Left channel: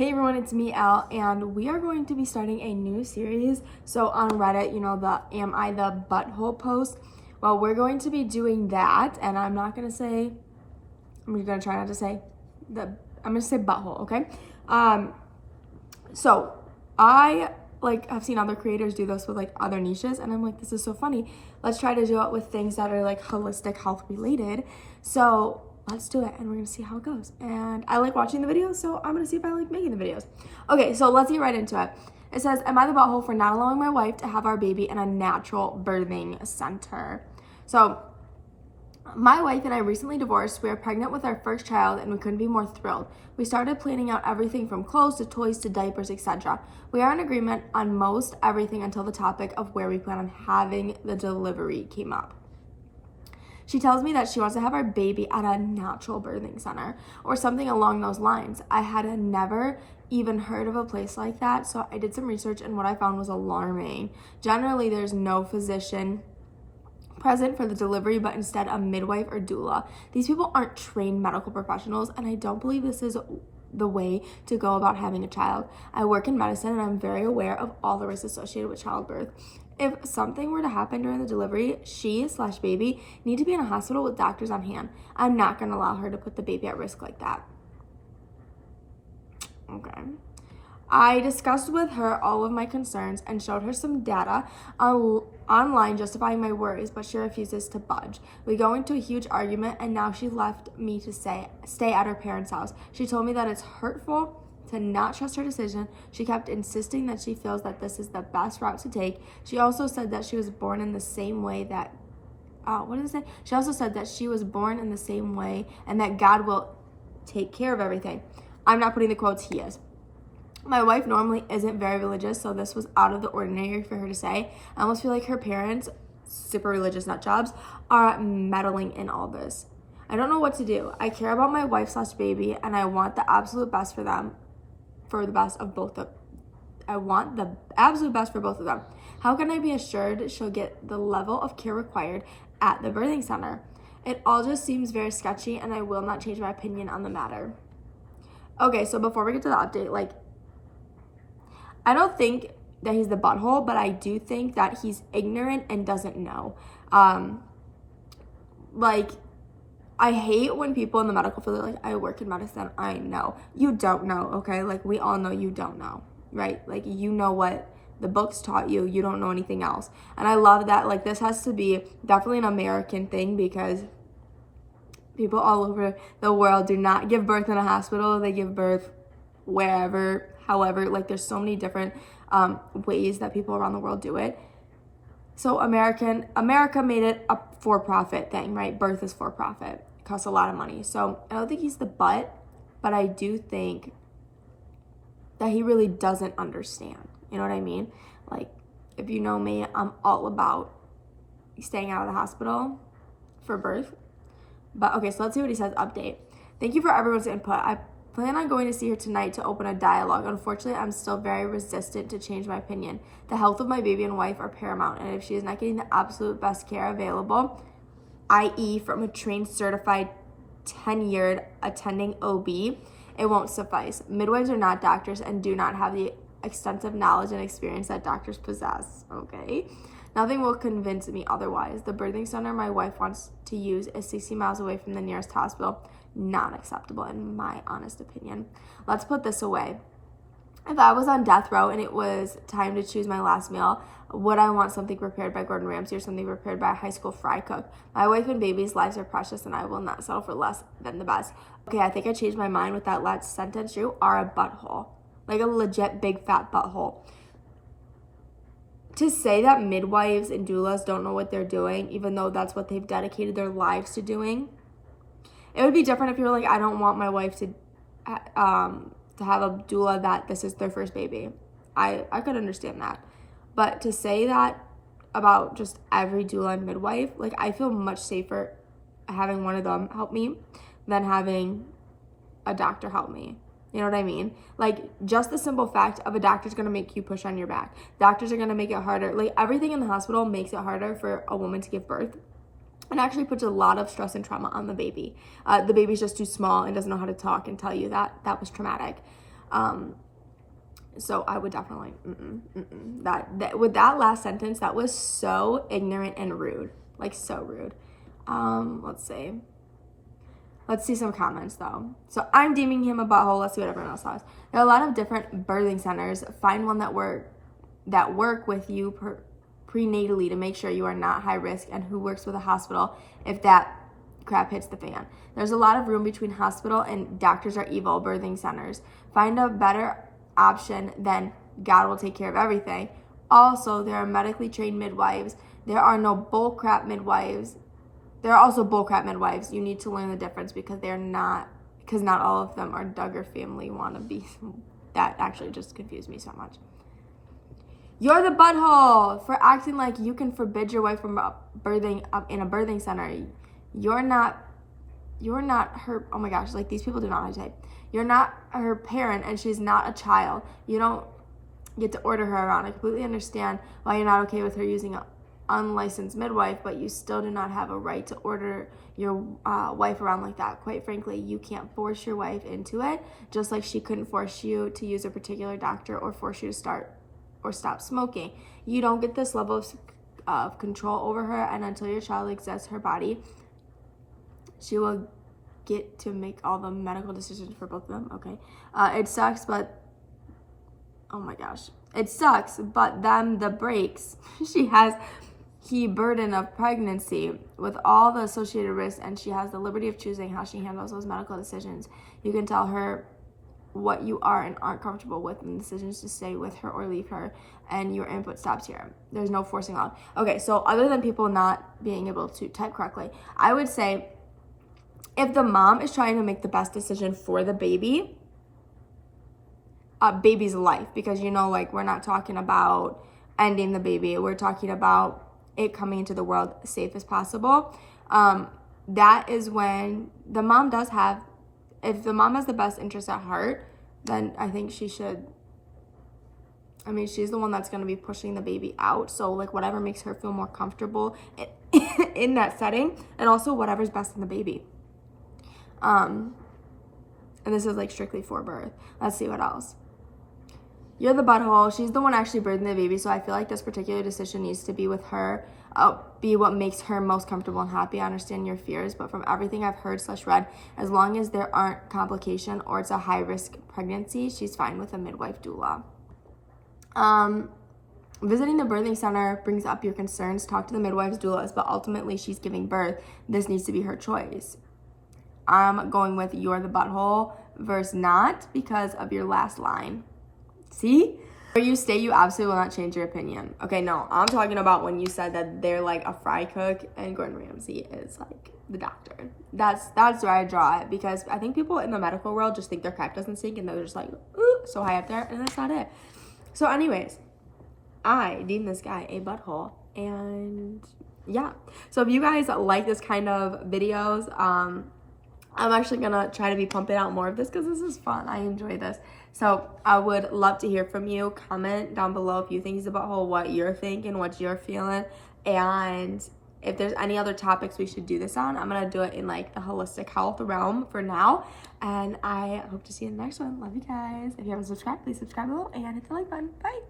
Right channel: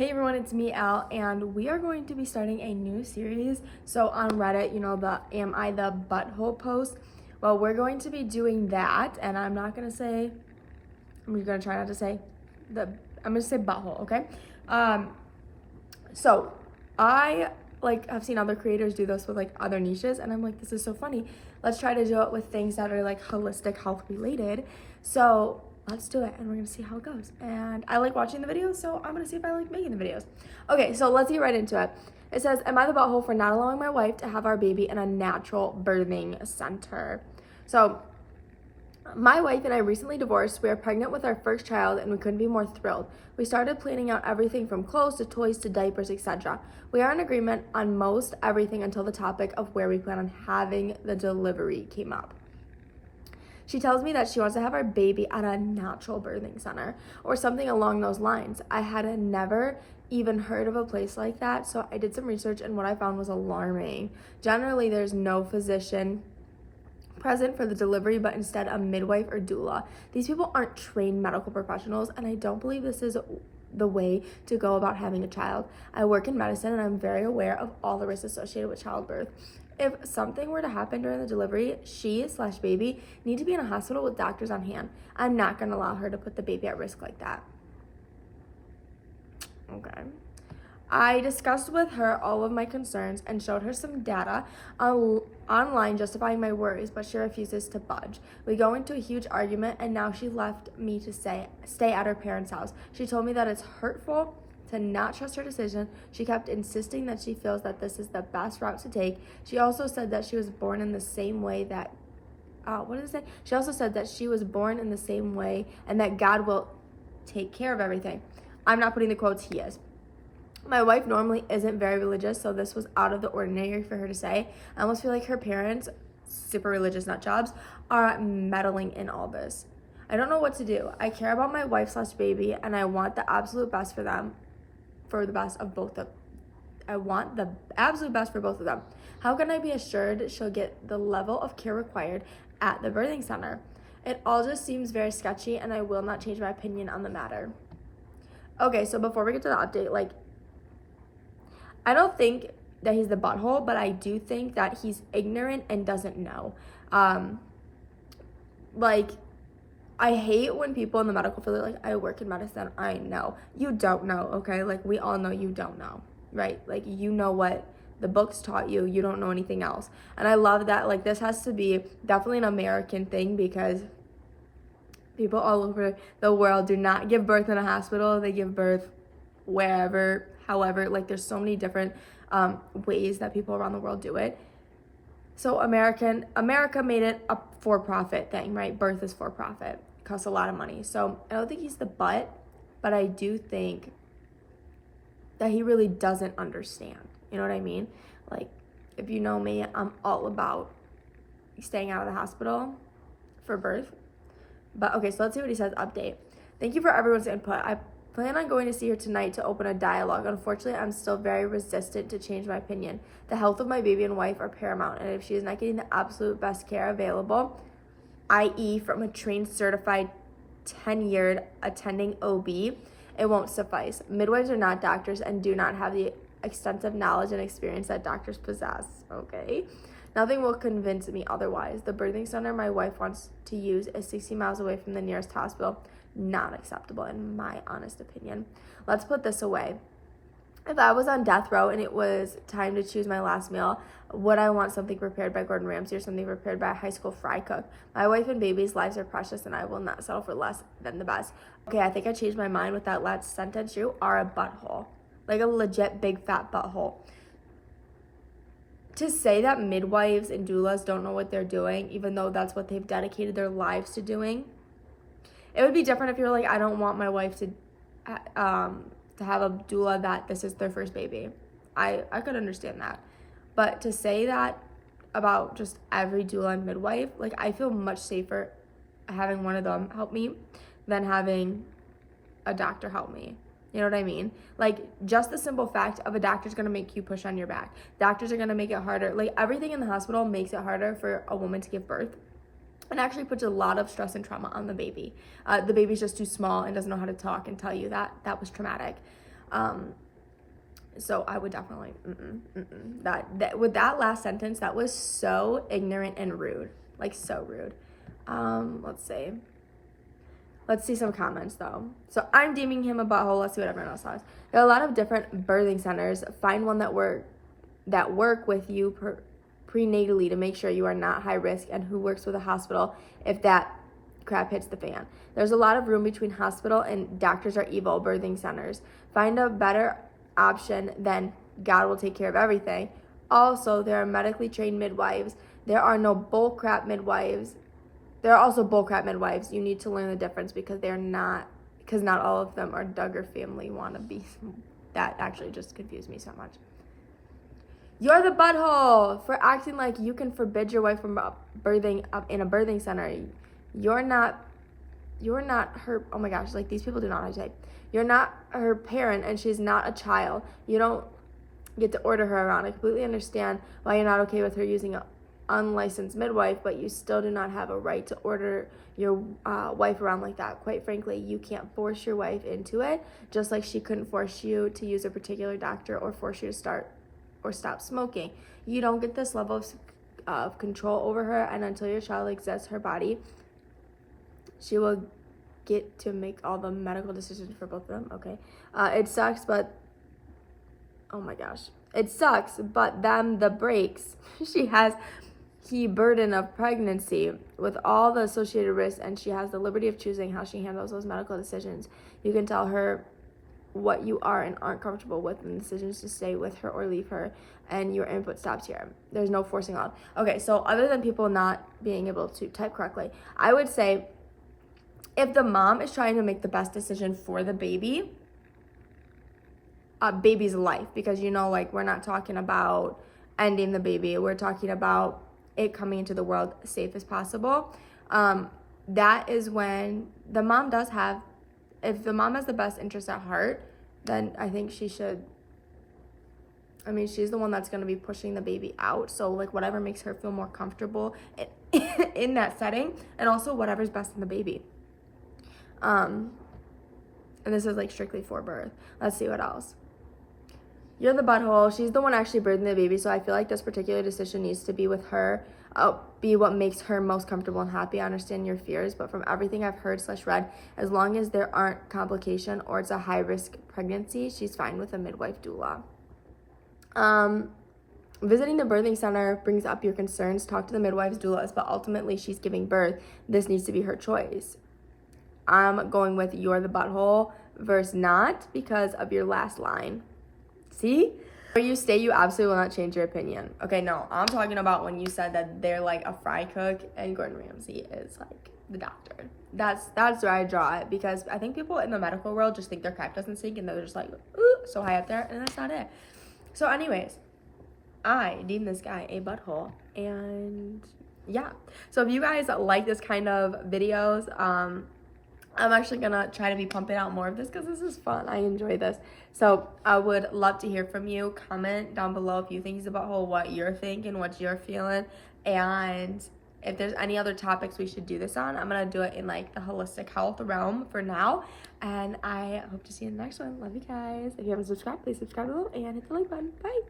Hey everyone, it's me, Elle, and we are going to be starting a new series. So on Reddit, the Am I the Butthole post? Well, we're going to be doing that, and I'm going to try not to say I'm going to say butthole, okay? So I have seen other creators do this with other niches, and I'm like, this is so funny. Let's try to do it with things that are holistic health related. So let's do it, and we're gonna see how it goes. And I like watching the videos, so I'm gonna see if I like making the videos. Okay, so let's get right into it. It says, am I the butthole for not allowing my wife to have our baby in a natural birthing center? So my wife and I recently divorced. We are pregnant with our first child, and we couldn't be more thrilled. We started planning out everything from clothes to toys to diapers, etc. We are in agreement on most everything until the topic of where we plan on having the delivery came up. She tells me that she wants to have our baby at a natural birthing center or something along those lines. I had never even heard of a place like that, so I did some research, and what I found was alarming. Generally, there's no physician present for the delivery, but instead a midwife or doula. These people aren't trained medical professionals, and I don't believe this is the way to go about having a child. I work in medicine, and I'm very aware of all the risks associated with childbirth. If something were to happen during the delivery, she/baby need to be in a hospital with doctors on hand. I'm not going to allow her to put the baby at risk like that. Okay. I discussed with her all of my concerns and showed her some data online justifying my worries, but she refuses to budge. We go into a huge argument, and now she left me to stay at her parents' house. She told me that it's hurtful to not trust her decision. She kept insisting that she feels that this is the best route to take. She also said that she was born in the same way that She also said that she was born in the same way and that God will take care of everything. I'm not putting the quotes, he is. My wife normally isn't very religious, so this was out of the ordinary for her to say. I almost feel like her parents, super religious nut jobs, are meddling in all this. I don't know what to do. I care about my wife/baby, and I want the absolute best for them. I want the absolute best for both of them. How can I be assured she'll get the level of care required at the birthing center? It all just seems very sketchy, and I will not change my opinion on the matter. Okay, so before we get to the update, I don't think that he's the butthole, but I do think that he's ignorant and doesn't know. I hate when people in the medical field are like, I work in medicine, I know. You don't know, okay? We all know you don't know, right? You know what the books taught you. You don't know anything else. And I love that, this has to be definitely an American thing, because people all over the world do not give birth in a hospital. They give birth wherever, however. There's so many different ways that people around the world do it. So America made it a for-profit thing, right? Birth is for-profit. It costs a lot of money. So I don't think he's the butt, but I do think that he really doesn't understand. You know what I mean? If you know me, I'm all about staying out of the hospital for birth. But okay, so let's see what he says. Update. Thank you for everyone's input. I plan on going to see her tonight to open a dialogue. Unfortunately, I'm still very resistant to change my opinion. The health of my baby and wife are paramount, and if she is not getting the absolute best care available, i.e. from a trained, certified, tenured attending OB, it won't suffice. Midwives are not doctors and do not have the extensive knowledge and experience that doctors possess, okay? Nothing will convince me otherwise. The birthing center my wife wants to use is 60 miles away from the nearest hospital. Not acceptable, in my honest opinion. Let's put this away. If I was on death row and it was time to choose my last meal, would I want something prepared by Gordon Ramsay or something prepared by a high school fry cook? My wife and baby's lives are precious, and I will not settle for less than the best. Okay, I think I changed my mind with that last sentence. You are a butthole. A legit big fat butthole. To say that midwives and doulas don't know what they're doing, even though that's what they've dedicated their lives to doing. It would be different if you're like, I don't want my wife to have a doula that this is their first baby. I could understand that. But to say that about just every doula and midwife, I feel much safer having one of them help me than having a doctor help me. You know what I mean? Just the simple fact of a doctor's going to make you push on your back. Doctors are going to make it harder. Everything in the hospital makes it harder for a woman to give birth. And actually puts a lot of stress and trauma on the baby. The baby's just too small and doesn't know how to talk and tell you that that was traumatic. So I would definitely, that with that last sentence, that was so ignorant and rude, like so rude. Let's see some comments though. So I'm deeming him a butthole. Let's see what everyone else has. There are a lot of different birthing centers. Find one that work with you prenatally to make sure you are not high risk, and who works with a hospital if that crap hits the fan. There's a lot of room between hospital and doctors are evil birthing centers. Find a better option, then God will take care of everything. Also, there are medically trained midwives. There are no bullcrap midwives. There are also bullcrap midwives. You need to learn the difference because not all of them are Duggar family wannabes. That actually just confused me so much. You're the butthole for acting like you can forbid your wife from birthing in a birthing center. You're not her. Oh my gosh, like these people do not know how to type. You're not her parent, and she's not a child. You don't get to order her around. I completely understand why you're not okay with her using an unlicensed midwife, but you still do not have a right to order your wife around like that. Quite frankly, you can't force your wife into it, just like she couldn't force you to use a particular doctor or force you to start or stop smoking. You don't get this level of control over her, and until your child exists her body, she will get to make all the medical decisions for both of them. Okay. It sucks, but oh my gosh. It sucks, but them the breaks. She has the burden of pregnancy with all the associated risks, and she has the liberty of choosing how she handles those medical decisions. You can tell her what you are and aren't comfortable with and decisions to stay with her or leave her, and your input stops here. There's no forcing on. Okay, so other than people not being able to type correctly, I would say if the mom is trying to make the best decision for the baby's life, because like we're not talking about ending the baby, we're talking about it coming into the world safe as possible. That is when the mom does have, if the mom has the best interest at heart, then I think she should, she's the one that's going to be pushing the baby out. So like whatever makes her feel more comfortable in that setting, and also whatever's best in the baby. And this is like strictly for birth. Let's see what else. You're the butthole. She's the one actually birthing the baby, so I feel like this particular decision needs to be with her, be what makes her most comfortable and happy. I understand your fears, but from everything I've heard / read, as long as there aren't complication or it's a high-risk pregnancy, she's fine with a midwife doula. Visiting the birthing center brings up your concerns. Talk to the midwife's doulas, but ultimately she's giving birth. This needs to be her choice. I'm going with you're the butthole versus not because of your last line. See? Where you stay, you absolutely will not change your opinion. Okay, no, I'm talking about when you said that they're like a fry cook and Gordon Ramsay is like the doctor. That's where I draw it, because I think people in the medical world just think their crap doesn't stink and they're just like, ooh, so high up there, and that's not it. So anyways, I deem this guy a butthole, and yeah. So if you guys like this kind of videos, I'm actually gonna try to be pumping out more of this because this is fun. I enjoy this. So I would love to hear from you. Comment down below if you think he's a butthole, what you're thinking, what you're feeling, and if there's any other topics we should do this on. I'm gonna do it in like the holistic health realm for now, and I hope to see you in the next one. Love you guys. If you haven't subscribed, please subscribe below and hit the like button. Bye.